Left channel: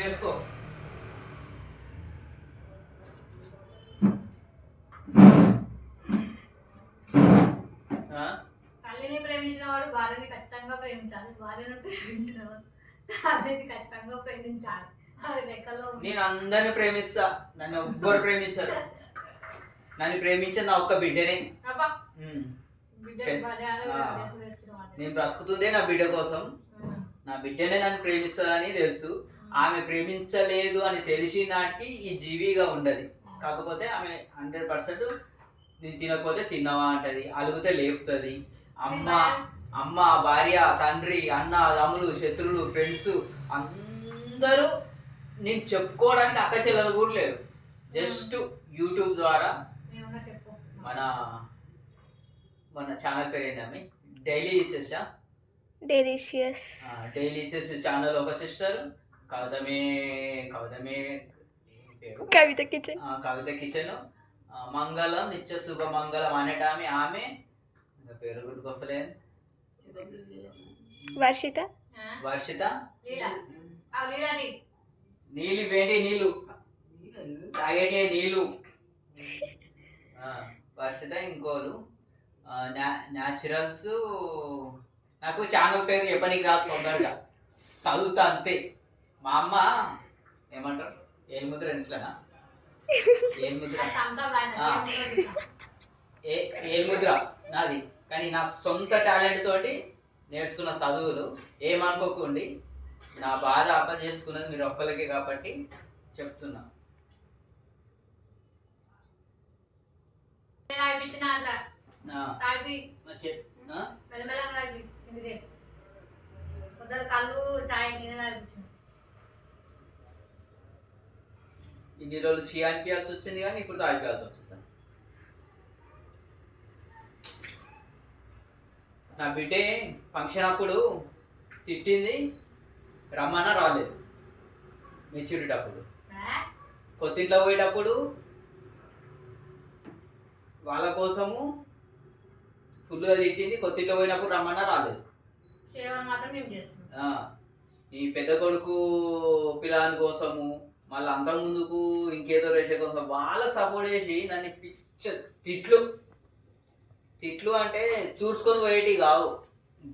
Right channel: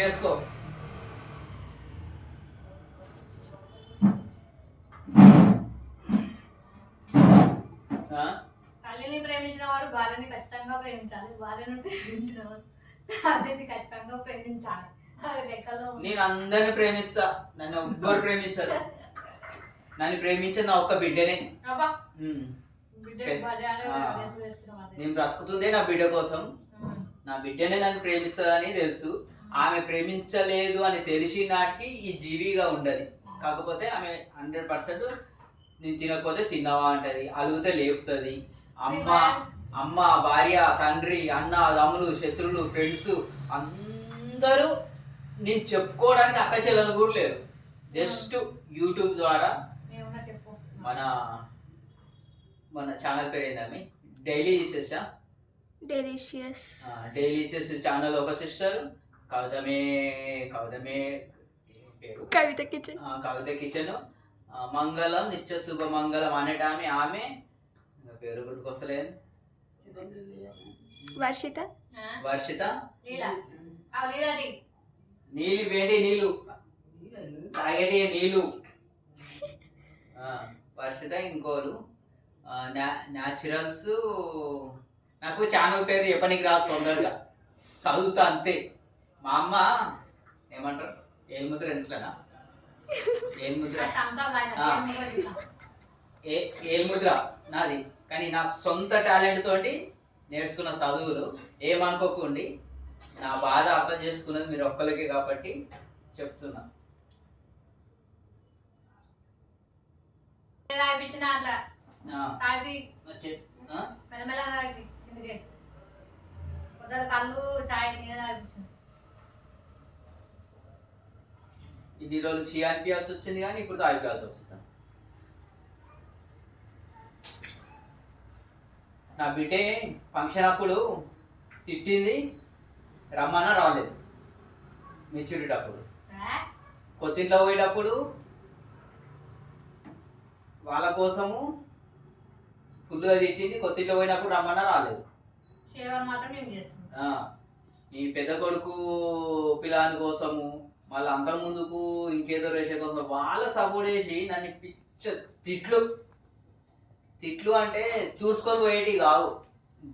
చేసుకో. తల్లిని ప్రేమించిన వాడు భార్యని ఖచ్చితంగా ప్రేమించాలి, భార్యను ప్రేమించిన వాడు తల్లిని ఖచ్చితంగా ప్రేమించాలి. అది లెక్కలో నేను అందరిని ప్రేమిస్తా, నన్ను ఎవ్వరు ప్రేమించరు. నన్ను ప్రేమించే నా ఒక్క బిడ్డనే. నేను బ్రతుకుతుందే నా బిడ్డ కోసం. నా బిడ్డనే నన్ను ప్రేమిస్తుందని తెలుసు. ఆమె ప్రేమించలేదు అని తెలిసి నాటికి ఈ జీవిగా ఉండదు. కాకపోతే ఆమె 100% నేను తినకపోతే తిన్నావా అంటది, అలుగుతే లేపుతుంది. అమ్మ, భార్య, తండ్రి, అన్న, తమ్ములు, శత్రువులు, ఫ్రెండ్స్ అందరూ నేను చెప్పుకోవడానికి అక్క చెల్లెలు కూడా లేరు. జస్ట్ యూట్యూబ్ ద్వారా మన మన ఛానల్ పేరు ఏంటమ్మి? డైలీషియస్ ఛానల్ ఒక సిస్టర్ కవిత కిచెన్, మంగళం నిత్య శుభ మంగళం అనేటామె, ఆమె పేరు గుర్తుకొస్తలేదు. వర్షిత నీళ్ళు వేడి నీళ్ళు తాగేటి నీళ్ళు. వర్షిత ఇంకోరు న్యాచురల్స్. నాకు ఛానల్ పేరు చెప్పనీకి రాదు, తొందరగా చదువుతా అంతే. మా అమ్మ ఏమంటారు, ఏలుముద్ర ఎంట్లనా, ఏలుముద్ర నాది. కానీ నా సొంత టాలెంట్ తోటి నేర్చుకున్న చదువులు. ఏమనుకోకండి, నా బాధ అర్థం చేసుకున్నది మీరు ఒక్కరికే కాబట్టి చెప్తున్నా. ఇన్ని రోజులు చీ అనిపించాల్సి వచ్చింది, కానీ ఇప్పుడు తాగిపోయాల్సి వచ్చింది. నా బిడ్డే ఫంక్షన్ అప్పుడు తిట్టింది, రమ్మన్నా రాలేదు. మెచ్యూరిటీ అప్పుడు కొత్తింట్లో పోయేటప్పుడు వాళ్ళ కోసము ఫుల్గా తిట్టింది. కొత్తింట్లో పోయినప్పుడు రమ్మన్నా రాలేదు. ఈ పెద్ద కొడుకు పిల్లాని కోసము, మళ్ళీ అంత ముందుకు ఇంకేదో రేష కోసం వాళ్ళకి సపోర్ట్ చేసి నన్ను తిట్లు అంటే చూసుకొని పోయేటి కావు,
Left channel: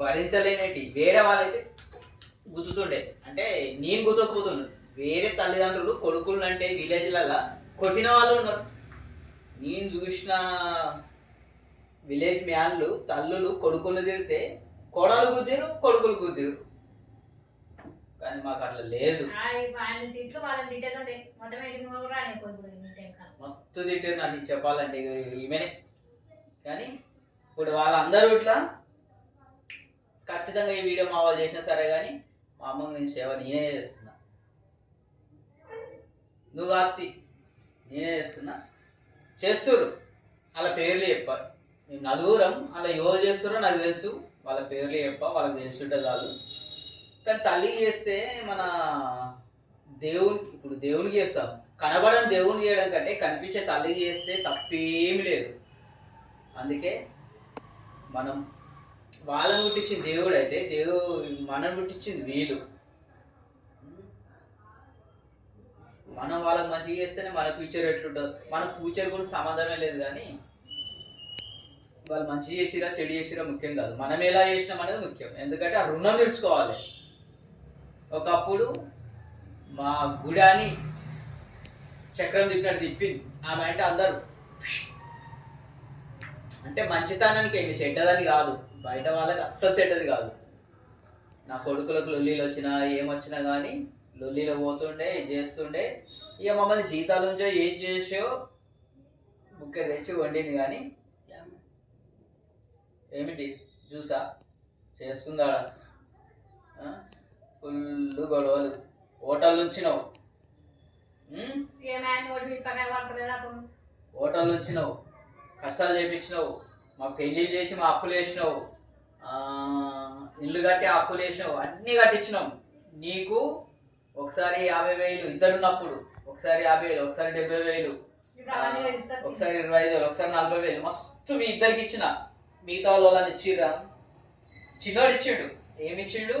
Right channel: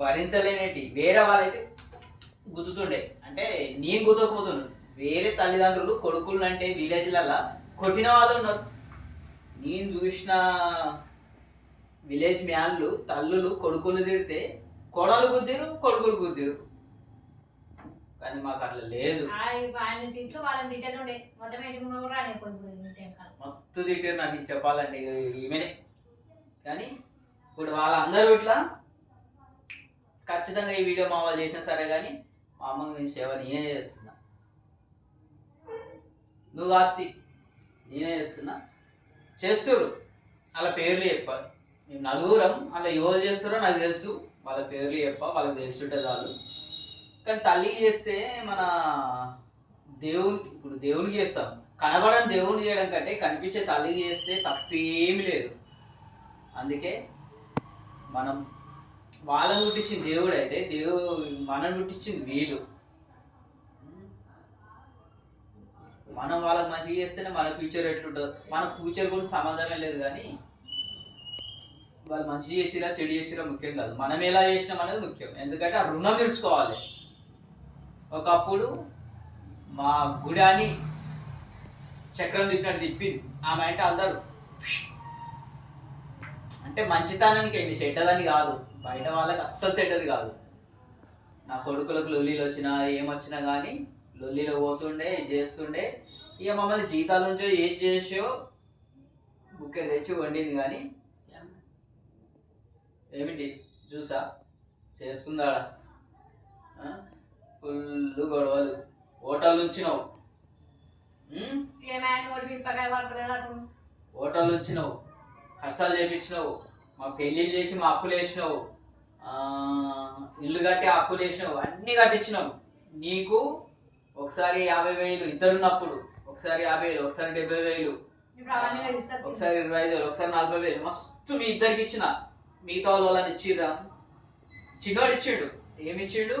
భరించలేనేటి. వేరే వాళ్ళైతే గుద్దుతుండే, అంటే నేను గుద్దకపోతుండే. వేరే తల్లిదండ్రులు కొడుకులు అంటే విలేజ్లలో కొట్టిన వాళ్ళు ఉన్నారు. నేను చూసిన విలేజ్ మ్యాన్లు తల్లులు కొడుకులు తిడితే కోడలు గుద్దిరు, కొడుకులు గుద్దిరు. కానీ మాకు అట్లా లేదు. మస్తు తిట్టారు నన్ను చెప్పాలంటే ఈమెనే. కానీ ఇప్పుడు వాళ్ళందరూ ఇట్లా ఖచ్చితంగా ఈ వీడియో మా వాళ్ళు చేసినా సరే, కానీ మా అమ్మకి నేను సేవ నేనే చేస్తున్నా. నువ్వు ఆప్తి నేనే చేస్తున్నారు. అలా పేర్లు చెప్పాలి. మేము నలుగురం అలా ఎవరు చేస్తారో నాకు తెలుసు, వాళ్ళ పేర్లు వాళ్ళకి తెలుసుంటే చాలు. కానీ తల్లికి చేస్తే మన ఇప్పుడు దేవునికి చేస్తాం, కనబడని దేవునికి చేయడం కంటే కనిపించే తల్లికి చేస్తే తప్పేమి లేదు. అందుకే మనం వాళ్ళని పుట్టించింది దేవుడు అయితే, మనల్ని పుట్టించింది వీళ్ళు. మనం వాళ్ళకి మంచిగా చేస్తేనే మన ఫ్యూచర్ ఎట్లుంటుంది. మన ఫ్యూచర్ గురించి సంబంధమే లేదు. కానీ వాళ్ళు మంచి చేసిరా చెడు చేసిరా ముఖ్యం కాదు, మనం ఎలా చేసినాం అనేది ముఖ్యం. ఎందుకంటే ఆ రుణం తీర్చుకోవాలి. ఒకప్పుడు మా గుడాని చక్రం తిప్పినట్టు తిప్పింది ఆమె. అంటే అందరూ అంటే మంచితనానికి ఏమి చెడ్డదని కాదు, బయట వాళ్ళకి అస్సలు చెడ్డది కాదు. నా కొడుకులకు లొల్లీలు వచ్చినా ఏమొచ్చినా కానీ లొల్లీలో పోతుండే చేస్తుండే. ఇక మమ్మల్ని జీతాల నుంచో ఏం చేసో బుక్కె తెచ్చి వండింది. కానీ ఏమిటి చూసా చేస్తుందా, ఫుల్ గొడవలు. హోటల్ నుంచినావు, హోటల్ నుంచినావు, కష్టాలు చేయించినావు, మా పెళ్ళిళ్ళు చేసి మా అప్పులు వేసినావు, ఇల్లు కట్టి అప్పులు వేసినావు, అన్నీ కట్టించినావు. నీకు ఒకసారి 50,000 ఇద్దరున్నప్పుడు, ఒకసారి 50,000, ఒకసారి 70,000, ఒకసారి 25,000, ఒకసారి 40,000 మస్తు మీ ఇద్దరికి ఇచ్చిన. మిగతా వాళ్ళని ఇచ్చిర్రా? చిన్నోడు ఇచ్చిండు. ఏమి ఇచ్చిండు?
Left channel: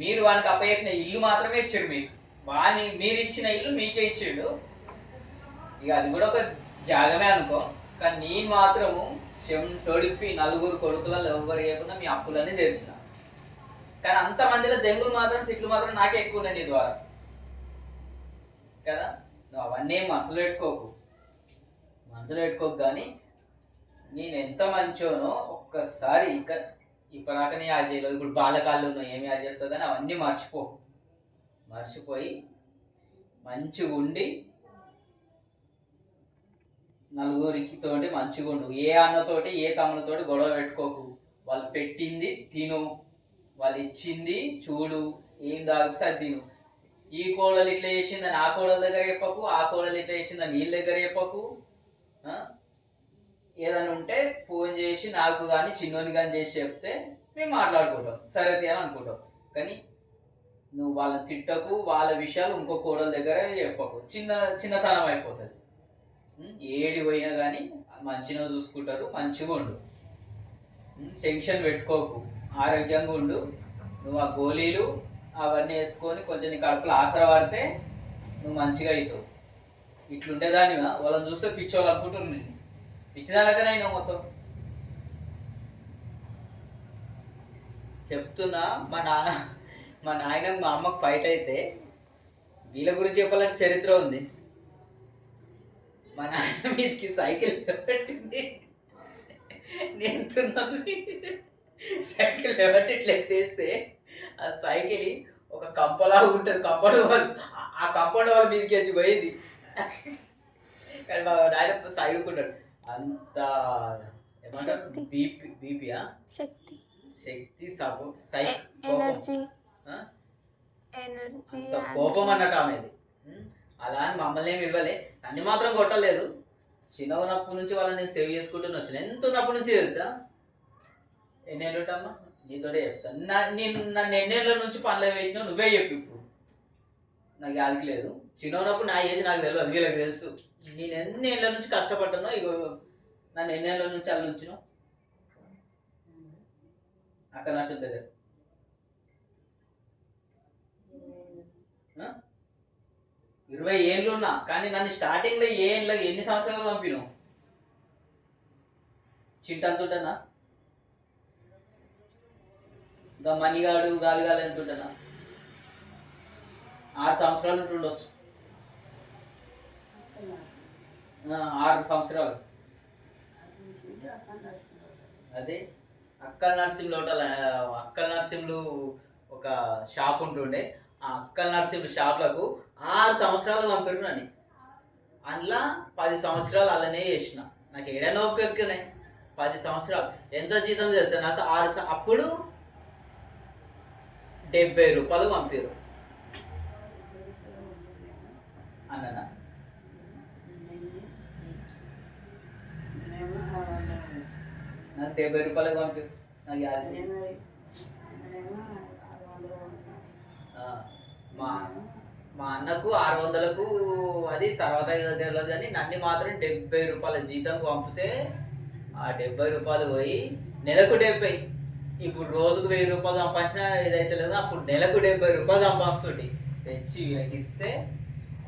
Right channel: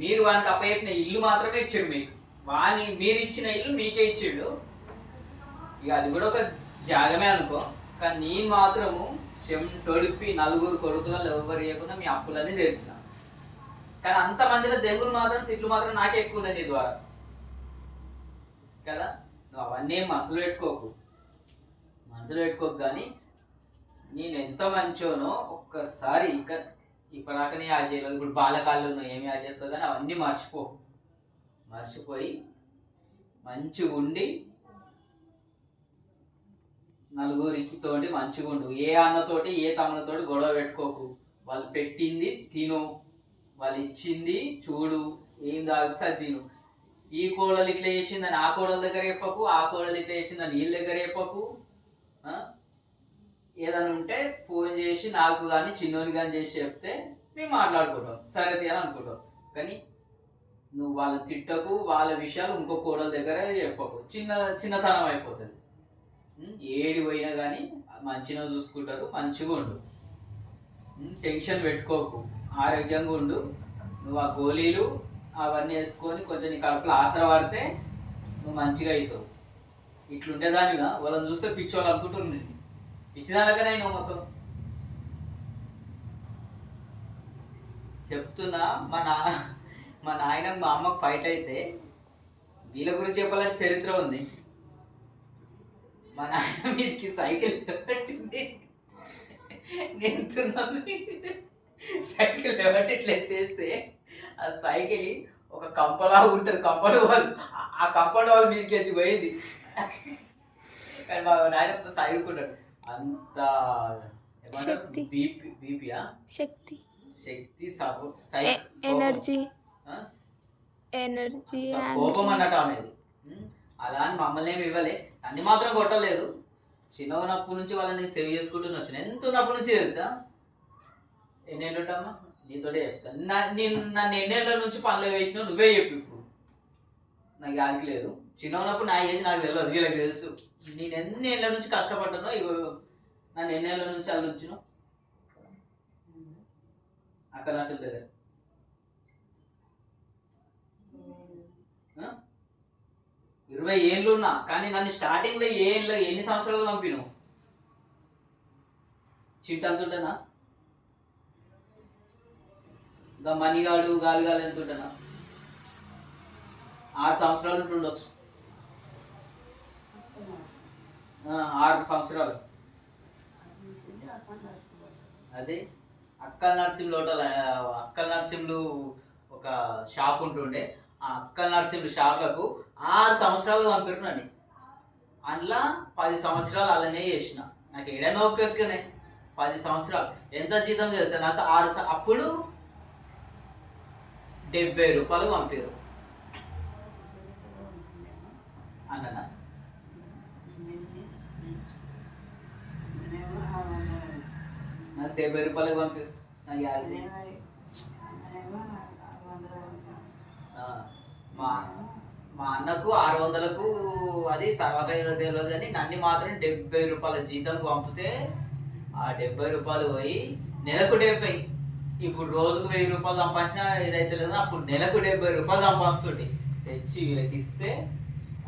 మీరు వానికి అప్పచెప్పిన ఇల్లు మాత్రమే ఇచ్చారు మీకు. వాని మీరు ఇచ్చిన ఇల్లు మీకే ఇచ్చిండు, ఇక అది కూడా ఒక జాగమే అనుకో. కానీ నేను మాత్రము తొడిపి నలుగురు కొడుకులలో ఎవ్వరు ఇవ్వకుండా మీ అప్పులన్నీ తెరిచిన. కానీ అంతమందిలో దెంగులు మాత్రం తిట్లు మాత్రం నాకే ఎక్కువ ఉన్నాయి నీ ద్వారా కదా. నువ్వు అవన్నీ మనసులో పెట్టుకోకు, కానీ నేను ఎంత మంచోనో ఒక్కసారి ఇక ఇప్పటిదాకానే యాడ్ చేయలేదు. ఇప్పుడు బాలకాళ్ళు ఉన్నాయి ఏమి యాడ్ చేస్తావు, కానీ అవన్నీ మర్చిపోయి మంచిగా ఉండి నలుగురికి తోటి మంచిగా ఉండు. ఏ అన్నతోటి ఏ తమ్ములతోటి గొడవ పెట్టుకోకు. వాళ్ళు పెట్టింది తిను, వాళ్ళు ఇచ్చింది చూడు, ఏం తాగిస్తే అది తిను. ఈ కోడలు ఇట్లా చేసిందని ఆ కోడల దగ్గర చెప్పకు, ఆ కోడలు ఇట్లా చేసిందని వీళ్ళ దగ్గర చెప్పకు. ఏదైనా ఉంటే ఫోన్ చేసి నాకు కానీ చిన్నోని కానీ చేసి చెప్తే మేము మాట్లాడుకుంటాం, సరే అని అనుకుంటాం. కానీ నువ్వు వాళ్ళని తిట్టకు, వాళ్ళ విషయాలు ఇంకో కోడల దగ్గర చెప్పకు, చిన్నతనం అయిపోతుంది. ఏడి పోయినా కానీ మంచిగా చూసుకుంటారు, మంచిగా ఉండు, టెన్షన్ పెట్టుకోకు, ఆరోగ్యంగా ఉండు. నువ్వు ఆ గోళీలు అవన్నీ వేసుకొని కొంచెం నీ కడుపులో ఆసర పడితే నువ్వు మంచిగా అవుతావు. ఇట్లుండేదానిగా వాళ్ళని చూస్తే పిచ్చోళ్ళు అనుకుంటున్నాను, నేను పిచ్చిదానికనే అయినా మొత్తం చెప్తున్నా. మా నాయనకు మా అమ్మకు ఫైట్ అయితే వీళ్ళ గురించి చెప్పాలంటే చరిత్ర ఉంది. మా నాయన మీదకి సైకిల్ పెట్టింది, నేను సైకిల్ ఎవరి ఇట్లా ఎత్తేస్తే ఆ సైకిల్ ఒక కంపలా ఉంటుంది, కంపౌండ్ వాళ్ళు ఆ కంపౌండ్ వాళ్ళ మీదకి వచ్చి పోయింది. కానీ మా నాయన సైడుకుంటాడు. అంత ఏమంటారు, బీపీయా శక్తి ఎనర్జీ కోపం అన్నట్టు ఆమెది. అలా అని మమ్మల్ని ఏమి ఇవ్వలే, అన్ని మాత్రం కొట్టలేదు. చిన్న ఉన్నప్పటి నుంచి వాళ్ళని నేను సేవ్ చేసుకుంటూనే వచ్చాను. ఎంత ఉన్నప్పటి నుంచి తెలుసా, ఎన్నేళ్ళు ఉంటామా నీతోనే చెప్తాను. నన్ను ఎన్నేళ్ళ నుంచి పనులు వేసినావు నువ్వే చెప్పు. ఇప్పుడు నాకు యాదికి లేదు, చిన్న ఉన్నప్పుడు నా ఏజ్ నాకు తెలియదు, వీళ్ళకి తెలుసు. నేను ఎన్నేళ్ళ నుంచి కష్టపడ్డానో, ఇగో నన్ను ఎన్నేళ్ళ నుంచి అలా నుంచినో అక్కడ నష్టం దగ్గర 20 ఏళ్ళు ఉన్నా. కానీ నన్ను స్టార్టింగ్లో ఎన్ని సంవత్సరాలు పంపిను చింటంతుంటానా, ఇంకా మణిగాడు గాలిగాలి అంటుంటానా, 6 సంవత్సరాలు ఉంటుండొచ్చు, 6 సంవత్సరాలు. అదే అక్కల నర్సింహులు ఒక షాప్ ఉంటుండే, ఆ అక్కల నర్సింహులు షాప్లకు 6 సంవత్సరాలు పంపిరునని. అందులో 10 సంవత్సరాలు అలానే చేసిన. నాకు ఏడైనా ఒక్కెక్కున్నాయి 10 సంవత్సరాలు. ఎంత జీతం తెలుసా నాకు? అప్పుడు 70 రూపాయలు పంపిరు అన్ననా. నాకు 70 రూపాయలు పంపారు. నాకు మా అన్నకు 600కు అది తర్వాత తెలియదు, కానీ నన్ను మాత్రం 70 రూపాయల జీతం పంపితే ఆ 70 రూపాయలు పోయి నెలకు 70. ఇప్పుడు రోజుకు 1000 రూపాయలు సంపాదించినా ఇదైతే లేదు, అప్పుడు నెలకు 70 రూపాయలు సంపాదిస్తుంటే తెచ్చి వీళ్ళకి ఇస్తే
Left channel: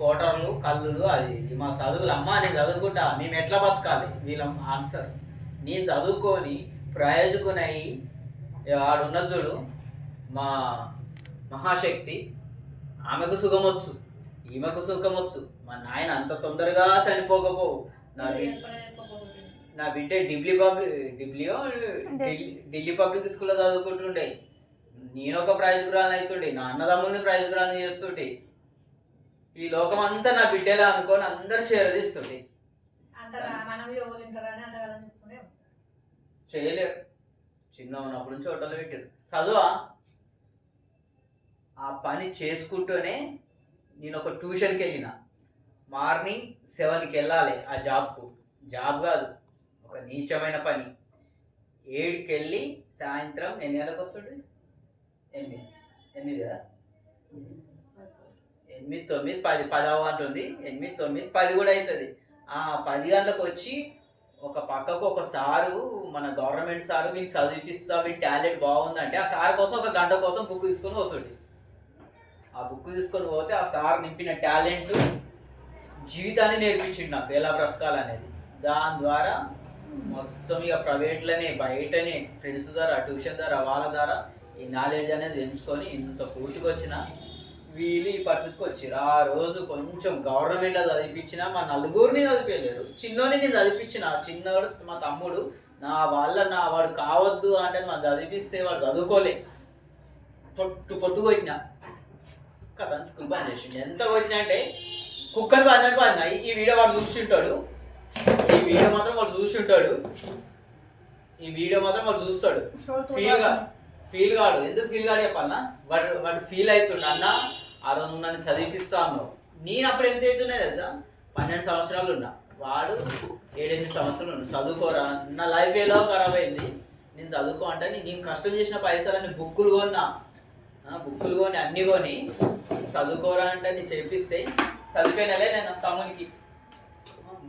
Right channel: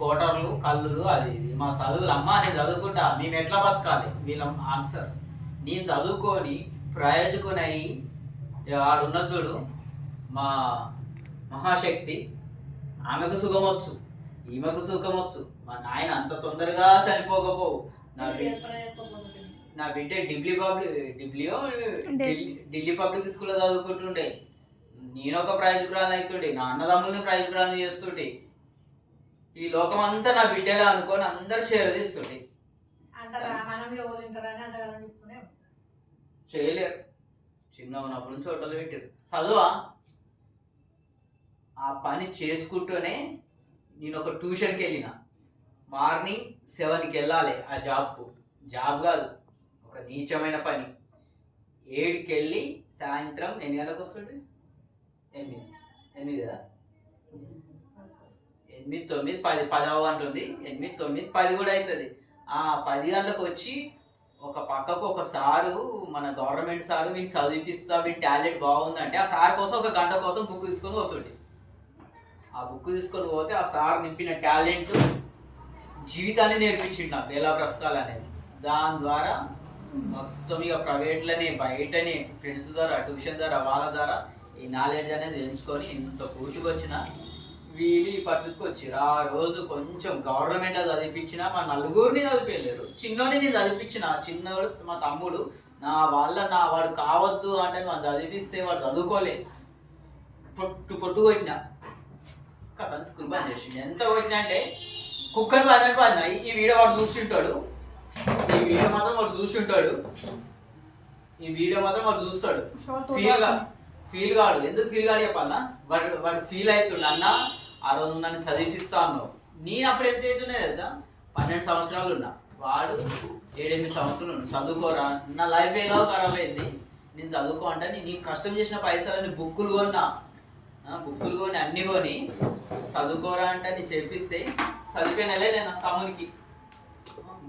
కోటర్లు కల్లులు అది మా చదువులు. అమ్మ నేను చదువుకుంటా, మేము ఎట్లా బతకాలి, వీళ్ళ ఆన్సర్. నేను చదువుకొని ప్రయోజకునై ఆడున్న చూడు మా మహాశక్తి, ఆమెకు సుఖమొచ్చు, ఈమెకు సుఖమొచ్చు. మా నాయన అంత తొందరగా చనిపోకపో. నా బిడ్డ ఢిల్లీ పబ్లిక్ స్కూల్లో చదువుకుంటుండే, నేను ఒక ప్రయోజకురాలను అవుతుండే, నా అన్నదమ్ముల్ని ప్రయోజకురాలను చేస్తుంటే, ఈ లోకం అంతా నా బిడ్డలా అనుకొని అందరు షేర్ తీస్తుండే. చేయలేరు, చిన్న ఉన్నప్పటి నుంచి హోటల్లో పెట్టారు. చదువా ఆ పని చేసుకుంటూనే నేను ఒక ట్యూషన్కి వెళ్ళిన. మార్నింగ్ 7కి వెళ్ళాలి ఆ జాబ్ కాదు, ఒక నీచమైన పని. 7కి వెళ్ళి సాయంత్రం 8 గంటలకు వస్తుండే, 8 కదా, 8, 9, 10, 10 అంటుంది, 8, 9, 10 కూడా అవుతుంది. ఆ 10 గంటలకు వచ్చి ఒక పక్కకు ఒక సారు, మన గవర్నమెంట్ సారు, మీకు చదివిపిస్తా, మీ టాలెంట్ బాగుందంటే ఆ సార్ కోసం 1 గంట కోసం బుక్ తీసుకొని పోతుండే. ఆ ఆ బుక్ తీసుకొని పోతే ఆ సార్ నింపిన టాలెంట్ జీవితాన్ని నేర్పించిండు నాకు ఎలా బ్రతకాలనేది. దాని ద్వారా మొత్తం ఇక ప్రైవేట్లోనే బయటనే ఫ్రెండ్స్ ద్వారా ట్యూషన్ ద్వారా వాళ్ళ ద్వారా ఈ నాలెడ్జ్ అనేది పెంచుకొని ఇంత పూర్తికి వచ్చిన వీళ్ళు ఈ పరిస్థితికి వచ్చారు. ఆ రోజు కొంచెం గవర్నమెంట్ చదివించిన మా నలుగురిని చదివించలేరు. చిన్నోడిని చదివించిన, చిన్నోడు మా తమ్ముడు వాడు కావద్దు అంటే వాడు చదివిస్తే వాడు చదువుకోలే, పొట్టు కొట్టిన కదా స్కూల్ బంద్ చేసిండు. ఎంత కొట్టినా అంటే కుక్కర్ బాగా ఈ వీడియో వాడు చూస్తుంటాడు, ఈ వీడియో మాత్రం వాడు చూస్తాడు. ఫీల్ కాడు. ఎందుకు ఫీల్ కాడు చెప్పన్నా, వాడు ఫీల్ అవుతుండు. అన్న ఆ రోజు నన్ను చదివిపిస్తా అన్నావు. నేను అప్పుడు ఎంత అవుతున్నాయి తెలుసా, 12 సంవత్సరాలు ఉన్నా, వాడు 7-8 సంవత్సరాలు ఉన్నా. చదువుకోరా, నా లైఫ్ ఎలా ఖరాబ్ అయింది, నేను చదువుకో అంటే నేను కష్టం చేసిన పైసలని బుక్కులు కొని అన్నీ కొని చదువుకోరా అంటే నేను చేపిస్తే చదివిపోయినలే. నేను తమ్మునికి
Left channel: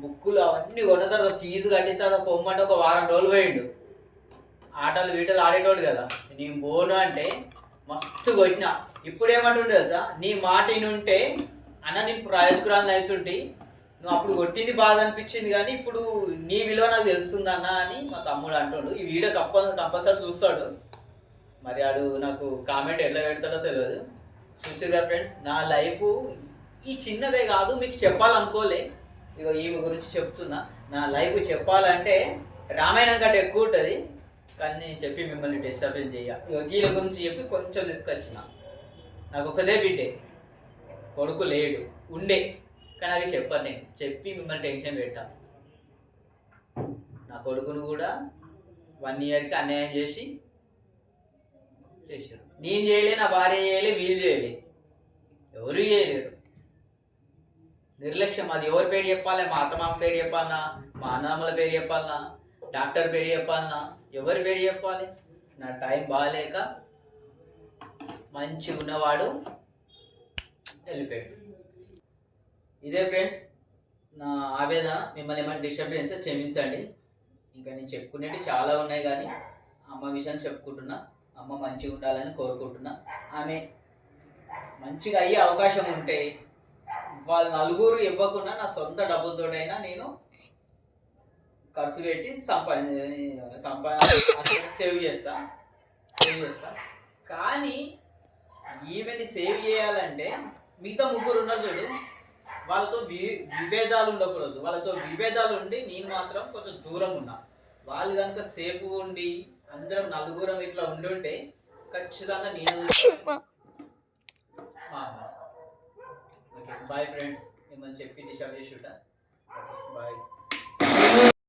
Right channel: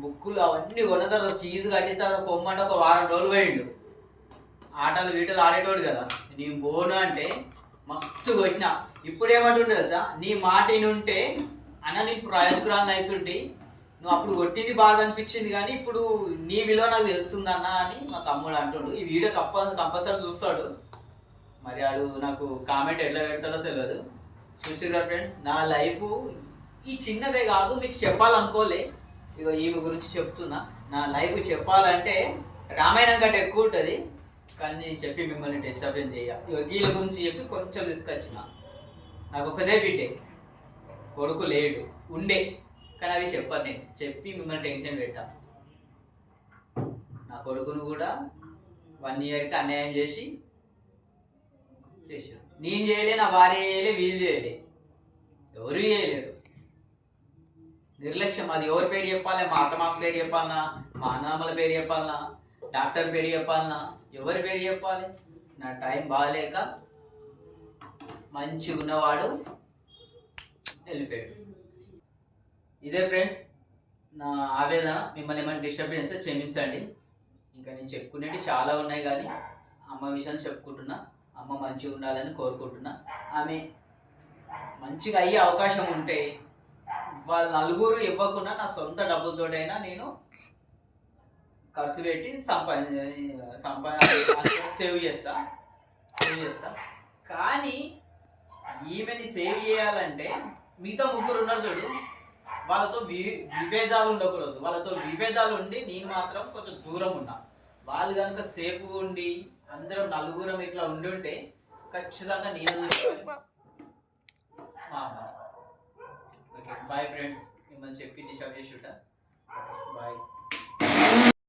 బుక్కులు అవన్నీ కొన్న తర్వాత ఫీజు కట్టిన తర్వాత పొమ్మంటే ఒక వారం రోజులు పోయిండు. ఆటలు వీటలు ఆడేటోడు కదా, నేను పోను అంటే మస్తు కొట్టిన. ఇప్పుడు ఏమంటుండే తెలుసా, నీ మాట ఉంటే అన్న నేను ప్రయోజకురాలను అవుతుంటే, నువ్వు అప్పుడు కొట్టింది బాధ అనిపించింది కానీ ఇప్పుడు నీ విలువ నాకు తెలుస్తుంది అన్న అని మా తమ్ముడు అంటుండు. ఈ వీడియో కంపల్సరీ చూస్తాడు. మరి వాడు నాకు కామెంట్ ఎట్లా పెడతాడో తెలియదు. చూసిరా ఫ్రెండ్స్, నా లైఫ్ ఈ చిన్నదే కాదు, మీకు చెప్పాలనుకోలే. ఇక ఈమె గురించి చెప్తున్నా. నా లైఫ్ చెప్పాలంటే రామాయణం కంటే ఎక్కువ ఉంటుంది, కానీ నేను చెప్పి మిమ్మల్ని డిస్టర్బెన్స్ చేయ. ఇక వీళ్ళ గురించి చెప్పి కొంచెం తీసుకొచ్చిన. నాకు ఒకదే బిడ్డే, కొడుకు లేడు, ఉండే, కానీ అది చెప్పాను. నేను చెప్పి మిమ్మల్ని టెన్షన్ పెట్టా. నా కొడుకును కూడా 1 ఇయర్కి అన్యాయం చేశారు. నేను చేయలే, నా భార్య చేయలే, వీళ్ళు చేయలే, ఎవరు చేయలేరు. నిర్లక్ష్యం. అది ఎవరి పేరు చెప్పాలి, మా అత్తమామ పేరు చెప్పాలన్నా, మా అన్నదమ్ముల పేరు చెప్పాలన్నా, డాక్టర్ పేరు చెప్పాలన్నా, ఎవరి పేరు చెప్పాలి? నా టైం బాగాలేక మంచిగా ఉన్నవాడు వెళ్ళిపోయాడు. ఇదే ఫ్రెండ్స్ నా ఆవేదన. మిమ్మల్ని ఏమైనా డిస్టర్బెన్స్ క్షమించండి. ఇంకా నేను చెప్పుకునేవి చాలా ఉన్నాయి, కానీ అమ్మ విషయం చెప్పుకుంటున్నా. అమ్మ మంచిగా ఉండాలని కోరుకుంటున్నా. ఆమె మంచిగా అయ్యే అవకాశం ఉంటే వాళ్ళ నలుగురు ఇవ్వకుండా నా సొంత డబ్బులతోటైనా నేను ఖర్చు పెట్టి సేవ్ చేస్తా. కానీ ఈమెని సేవ్ చేయాలంటే మిగతా 3 ఉన్నారు చూడు, వాళ్ళతో విభేదాలు ఉండకూడదు. వాళ్ళతో విభేదాలు ఉండి నేను మాత్రం కొంచెం దూరం ఉన్నా. వాళ్ళు కనుక సేఫ్ ఉండి అందరం నలుగురం ఇట్లా ఉంటే ఖచ్చితంగా నేను ఓకే బాయ్ ఫ్రెండ్స్, మిమ్మల్ని చెప్పి డిస్టర్బ్ చేసి ఉంటా.